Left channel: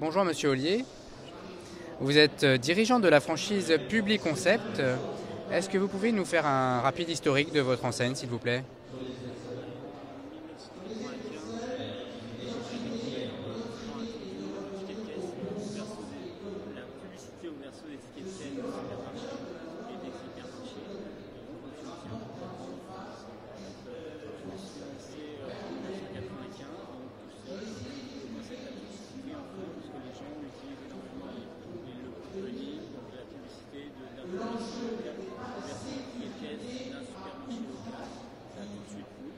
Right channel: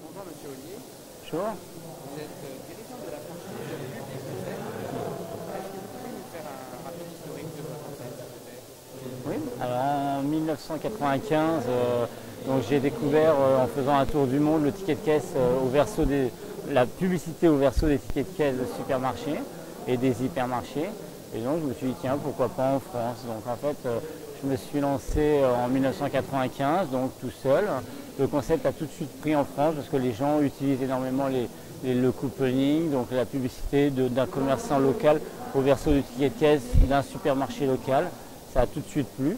Bonjour Monsieur Ollier, Bonjour. vous êtes dirigeant de la franchise Publiconcept. Est-ce que vous pouvez nous faire un rapide historique de votre enseigne, s'il vous plaît? Oui, alors en 1995, j'ai découvert en faisant un tour du monde le ticket de caisse la publicité au verso des tickets de caisse de supermarchés et des hypermarchés. Et donc je me suis dit tiens, pourquoi pas en France. Donc en fait je me suis lancé en 1995, donc tout seul. Le concept a tout de suite pris en France parce que les gens utilisent énormément le couponing, donc la publicité d'un commerçant local au verso du ticket de caisse d'un supermarché local. Ça a tout de suite plu.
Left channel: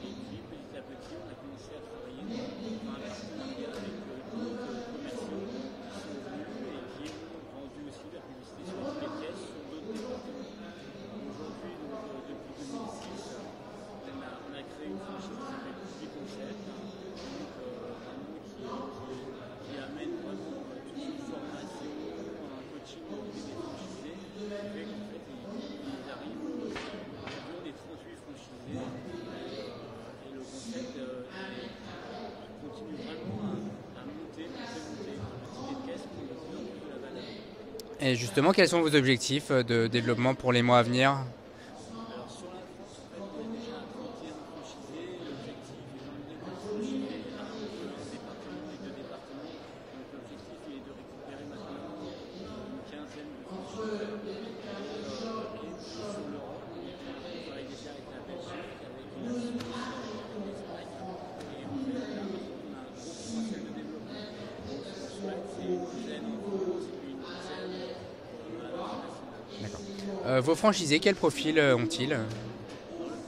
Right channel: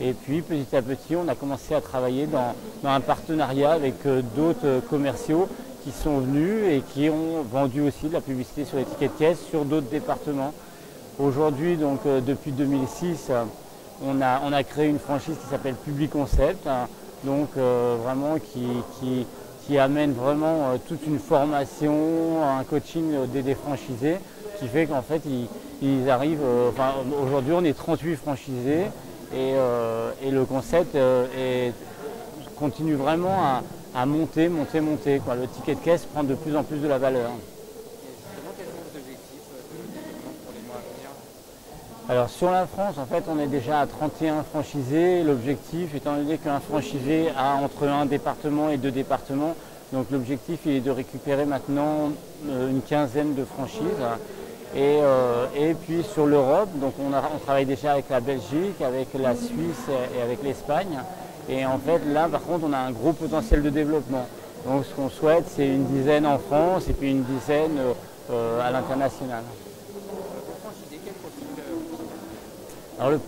Et puis petit à petit, on a commencé à travailler dans un partenariat avec d'autres commerciaux qui sont venus et qui ont vendu aussi de la publicité sur les tickets de caisse sur d'autres départements. Aujourd'hui, donc depuis 2006, on a créé une franchise qui s'appelle Publiconcept, hein, donc vraiment qui amène vraiment toute une formation, un coaching des franchisés, qui fait qu'en fait ils arrivent, aujourd'hui on est 38 franchisés et le concept continue vraiment à monter, quoi. Le ticket de caisse prend de plus en plus de la valeur. Et justement, quels sont vos objectifs de développement pour les mois à venir? Alors sur la France, en fait, on est déjà à 31 franchisés. L'objectif, étant donné qu'un franchisé a entre un département et deux départements, donc l'objectif il est de récupérer maintenant une quinzaine de franchises. Et puis sur l'Europe, donc on travaille déjà avec la Belgique, avec la Suisse et avec l'Espagne. Et en fait là par contre on a un gros potentiel de développement. Donc ce qu'on souhaite c'est une dizaine en France et puis une dizaine à l'international. Vos franchisés, quel profil ont-ils? Alors le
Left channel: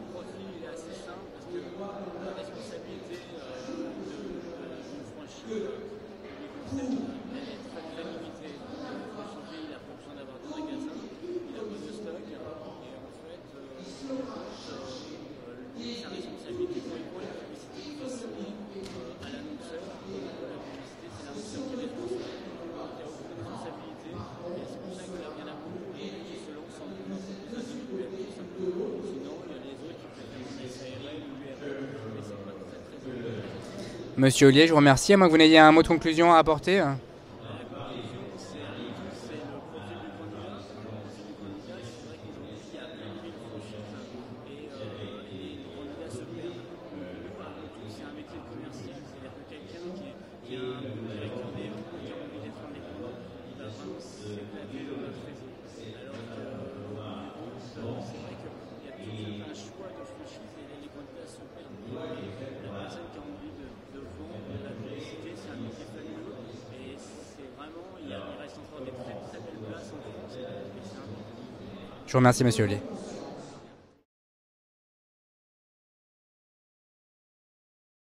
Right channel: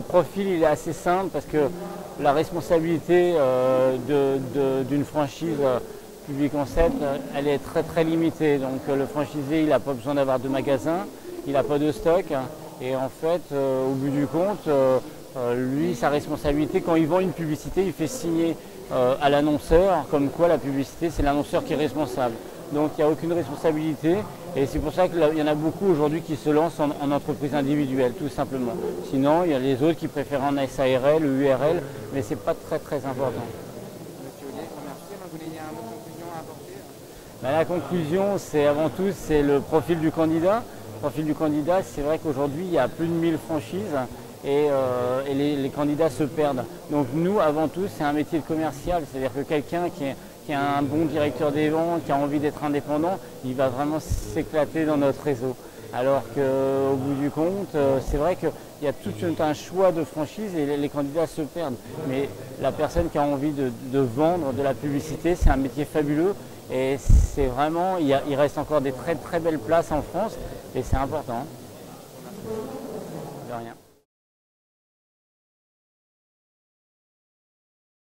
profil il est assez simple parce que la responsabilité d'une franchise Publiconcept, elle est très très limitée. Donc le franchisé il n'a pas besoin d'avoir de magasin, il n'a pas de stock. Et en fait, au bout du compte, lui, sa responsabilité, quand il vend une publicité, il fait signer à l'annonceur, comme quoi la publicité, c'est l'annonceur qui est responsable. Donc il n'y a aucune responsabilité et c'est pour ça qu'il y en a beaucoup aujourd'hui qui se lancent en entreprise individuelle, tout simplement. Sinon, il y a les autres qui préfèrent en SARL ou URL, mais ce n'est pas très très important. Monsieur Ollier, je vous remercie. À moins que vous n'ayez un mot de conclusion à apporter. La conclusion, c'est avant tout c'est le profil du candidat. Le profil du candidat, c'est vrai qu'aujourd'hui, il y a plus de 1000 franchises et les candidats se perdent. Donc nous, avant tout, c'est un métier de commercial, c'est-à-dire que quelqu'un qui a un bon directeur des ventes, qui a envie d'être indépendant, il va vraiment s'éclater dans notre réseau. Alors qu'au bout du compte, c'est vrai qu'il y a tout un choix de franchises et les candidats se perdent. Mais la personne qui a envie de vendre de la publicité, c'est un métier fabuleux et c'est vraiment, il reste encore des très très belles places en France et c'est important. Je vous remercie, Monsieur Ollier. De rien.